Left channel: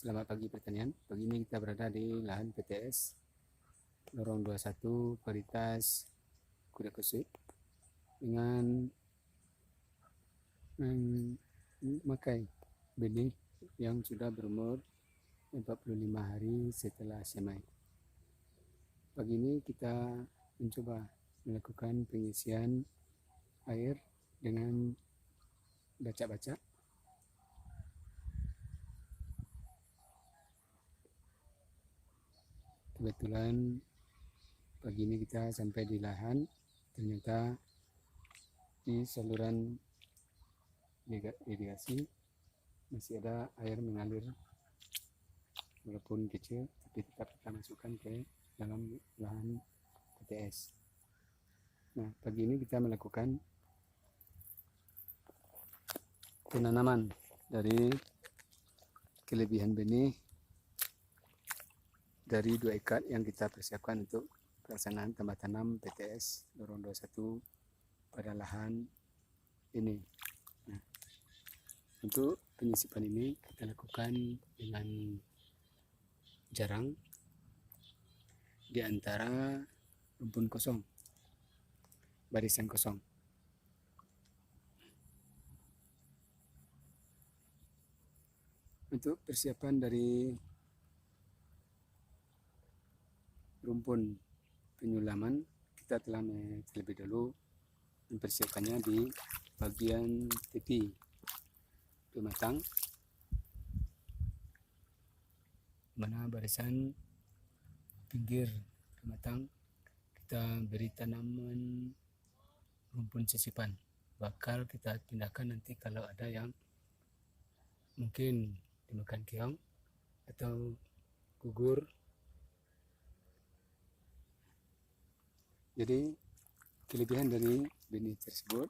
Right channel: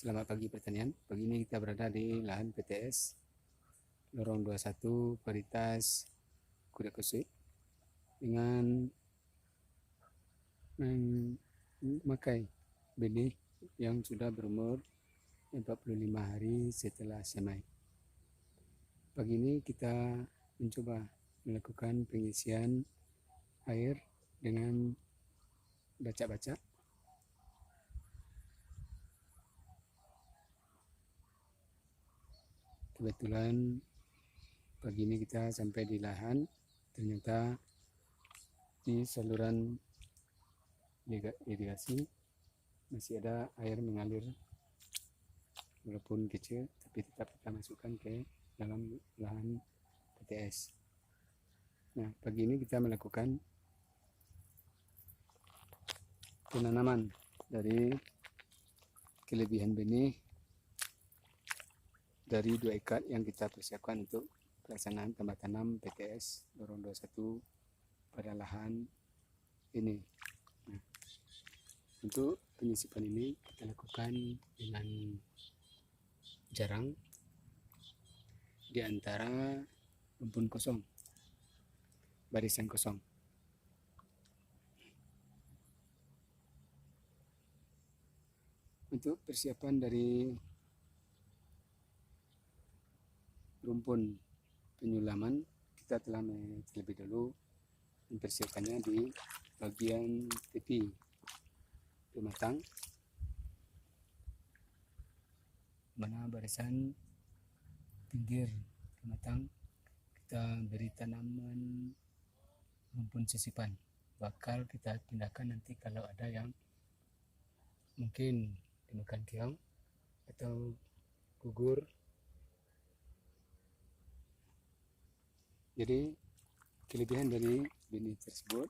Selamat pagi pertanian. Pagi ini kita berada di lahan PTS Lorong 21 Varietas Kuda Kusui dengan memakai benih yang sudah berumur 45 hari setelah semai. Pagi ini kita mencoba melakukan pengisian air dengan baca-baca. Kebetulan pagi ini kita sampai di lahan, ternyata di saluran irigasi masih ada air mengalir walaupun kecil, tapi tetap kita masukkan ke dalam lahan PTS. Nah, pagi ini kita melakukan penanaman dari kelebihan benih dari 2 ekar yang kita persiapkan untuk pelaksanaan tambah tanam PTS Lorong 21 pada lahan ini. Nah, untuk penyisipan ini kita lakukan dengan jarang di antara rumpun kosong, barisan kosong. Untuk persiapan dari rumpun penyulaman, kita telah terlebih dahulu mempersiapkannya di bagian tepi pematang, mana barisan pinggir pematang kita beri tanaman rumpun sisipan. Bakal kita pindahkan nanti kalau ada yang mungkin dimakan keong atau gugur. Jadi kelebihan dari benih tersebut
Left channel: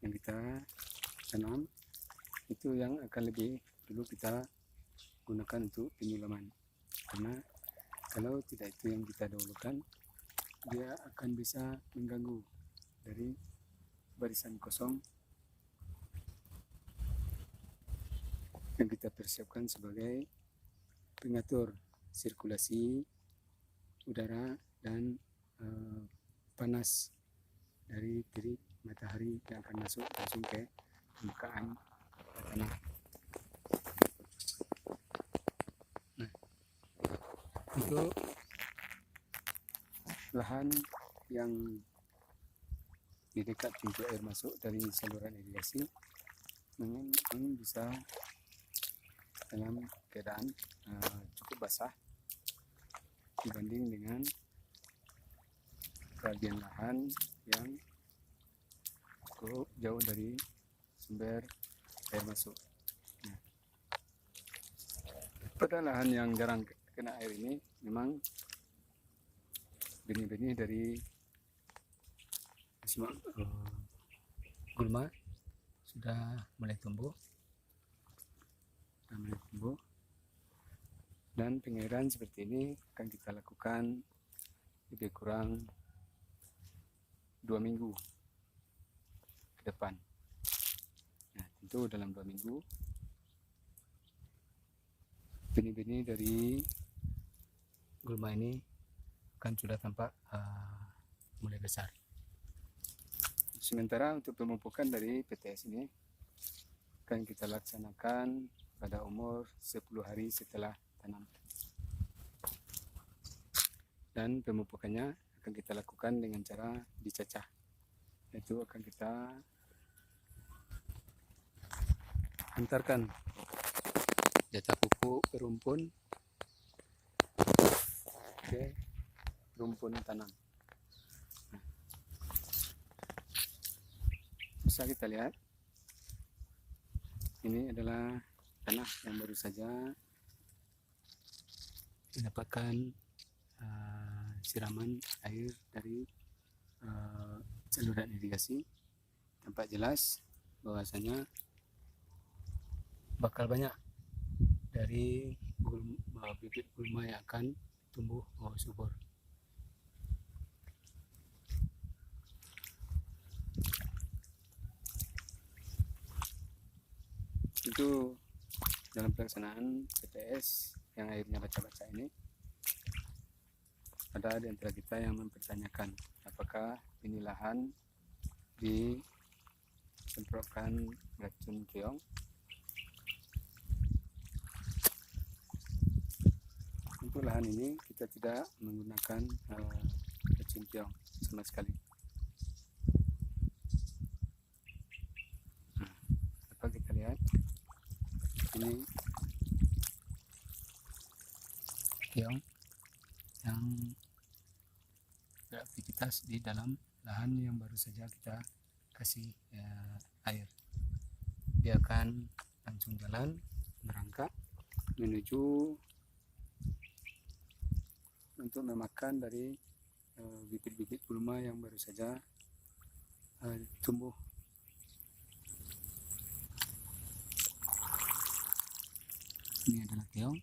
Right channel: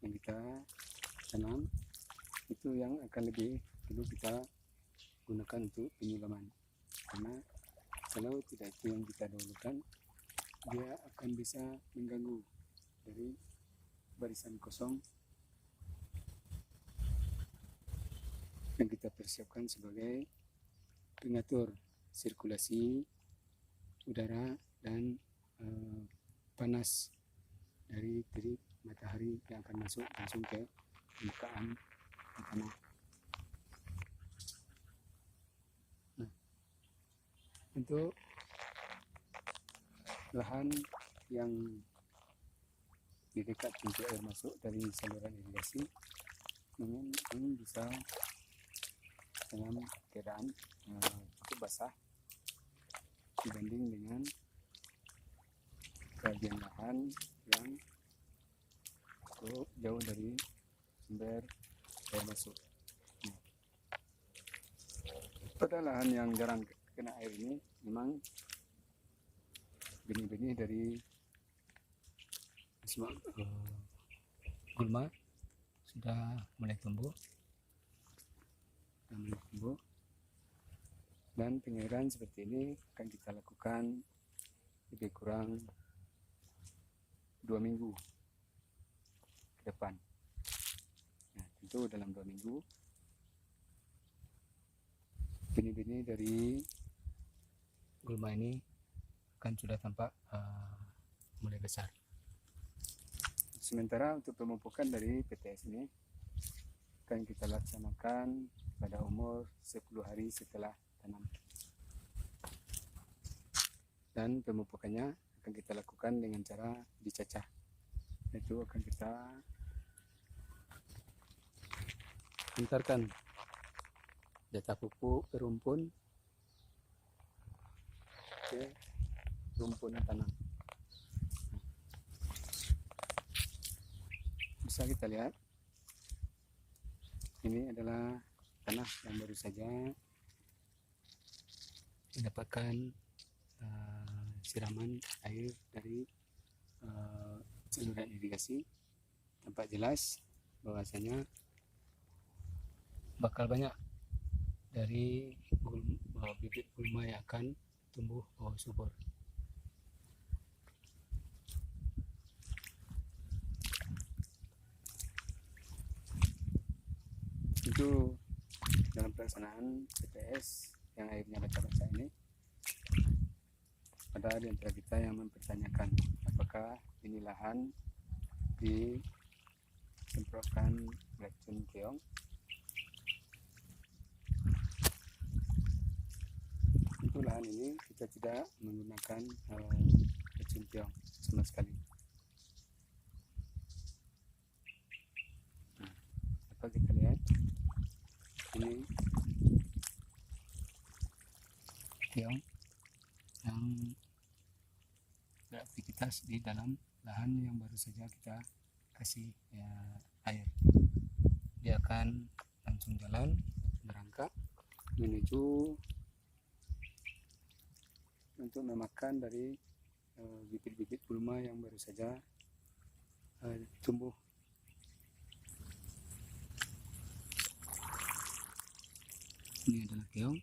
yang kita tanam itu yang akan lebih dulu kita gunakan untuk penyulaman, karena kalau tidak itu yang kita dahulukan, dia akan bisa mengganggu dari barisan kosong yang kita persiapkan sebagai pengatur sirkulasi udara dan panas dari terik matahari yang akan masuk langsung ke permukaan tanah. Nah, untuk lahan yang di dekat pintu air masuk dari saluran irigasi memang bisa dalam keadaan cukup basah dibanding dengan bagian lahan yang cukup jauh dari sumber air masuk. Nah, pada lahan yang jarang kena air ini memang benih-benih dari gulma sudah mulai tumbuh, dan pengairan seperti ini akan kita lakukan lebih kurang 2 minggu ke depan. Nah, tentu dalam 2 minggu benih-benih dari gulma ini kan sudah tampak mulai besar. Sementara untuk pemupukan dari PTS ini akan kita laksanakan pada umur 10 hari setelah tanam, dan pemupukannya akan kita lakukan dengan cara dicacah. Itu akan kita antarkan jatah pupuk rumpun ke rumpun tanam. Nah, bisa kita lihat ini adalah tanah yang baru saja mendapatkan siraman air dari saluran irigasi. Tampak jelas bahwasanya bakal banyak dari bibit gulma yang akan tumbuh subur. Tentu dalam pelaksanaan PTS yang akhirnya baca-baca ini, ada di antara kita yang mempertanyakan apakah ini lahan disemprotkan racun keong. Untuk lahan ini kita tidak menggunakan racun keong sama sekali. Nah, dapat kita lihat ini keong yang beraktivitas di dalam lahan yang baru saja kita kasih air. Dia akan langsung jalan berangkat menuju untuk memakan dari bibit-bibit gulma yang baru saja tumbuh. Ini adalah keong.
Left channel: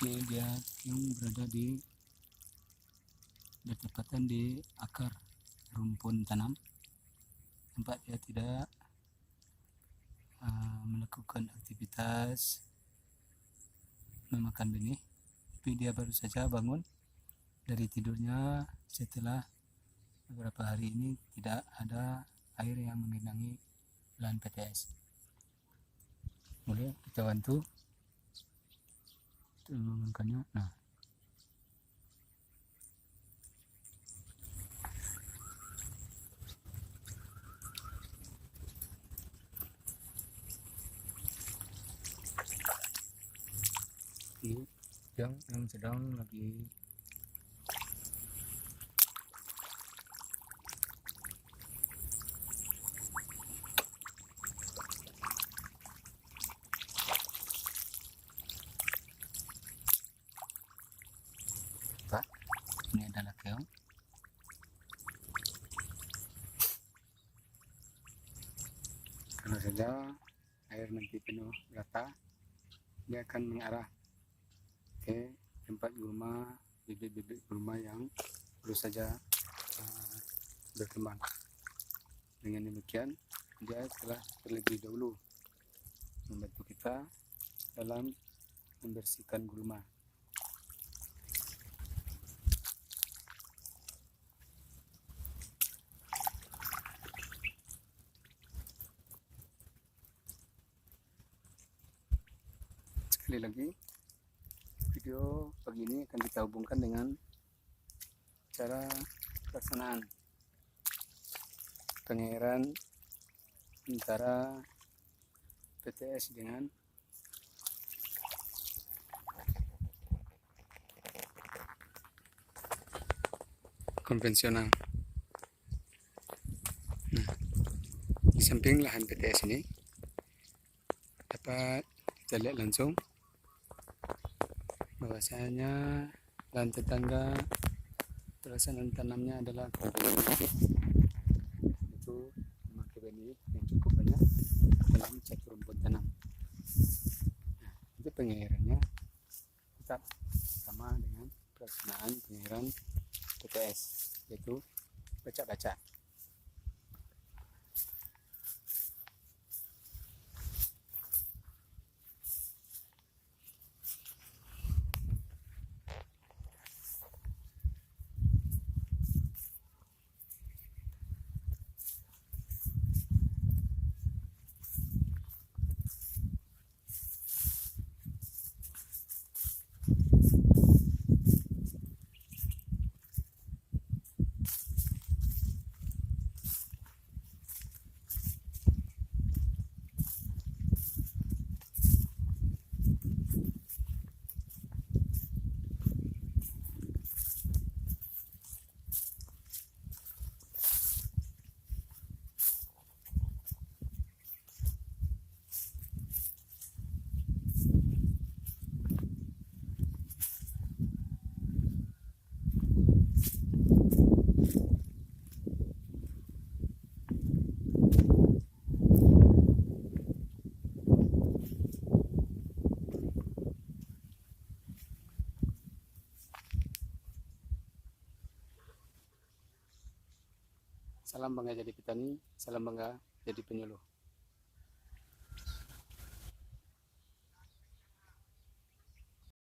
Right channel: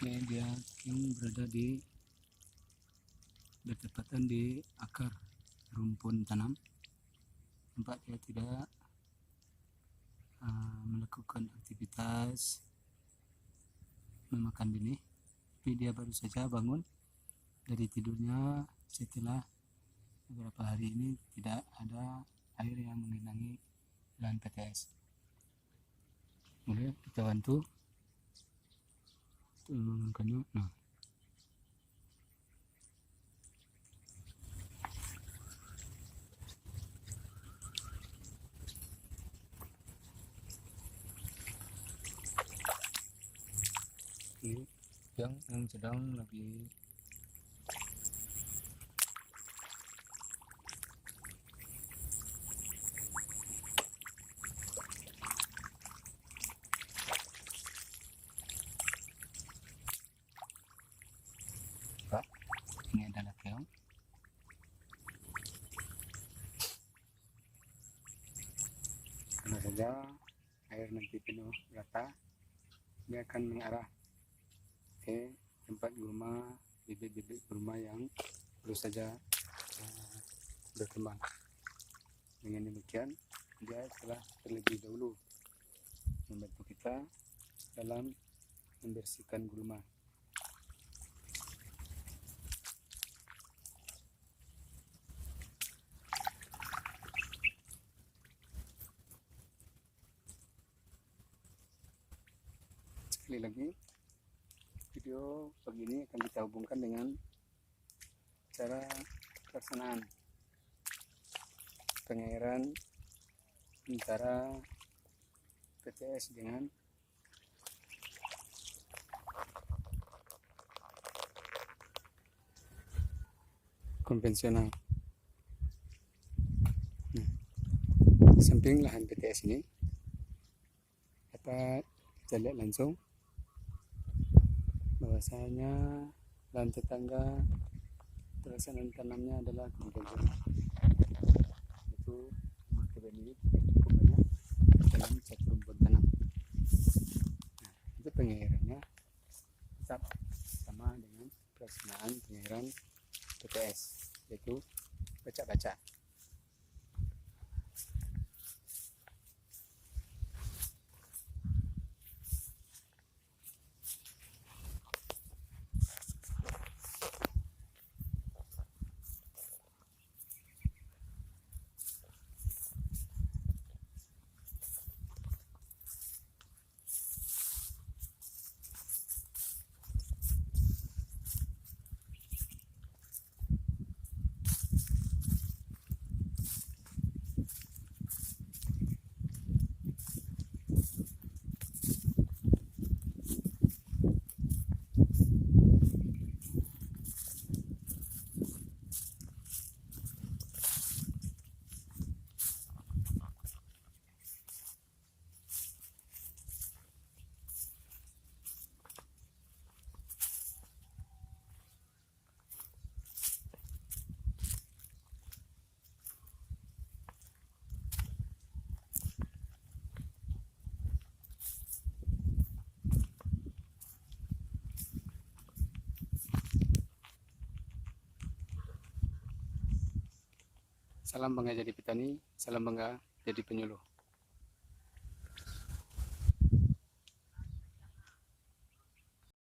Ini dia yang berada bertepatan di akar rumpun tanam. Nampak dia tidak melakukan aktivitas memakan benih, tapi dia baru saja bangun dari tidurnya setelah beberapa hari ini tidak ada air yang menggenangi lahan PTS. Boleh kita bantu untuk mengangkatnya. Nah, ini yang sedang lagi Pak. Ini adalah keong. Karena saja air nanti penuh rata, dia akan mengarah ke tempat gulma, bibit-bibit gulma yang baru saja berkembang. Dengan demikian, dia telah terlebih dahulu membantu kita dalam membersihkan gulma. Sekali lagi, video pagi ini akan kita hubungkan dengan cara pelaksanaan pengairan antara PTS dengan konvensional. Nah, di samping lahan PTS ini dapat kita lihat langsung bahwasanya lahan tetangga pelaksanaan tanamnya adalah konvensional, itu memakai benih yang cukup banyak dalam satu rumpun tanam. Nah, itu pengairannya tetap sama dengan pelaksanaan pengairan PTS, yaitu baca-baca. Salam bangga jadi petani, salam bangga jadi penyuluh.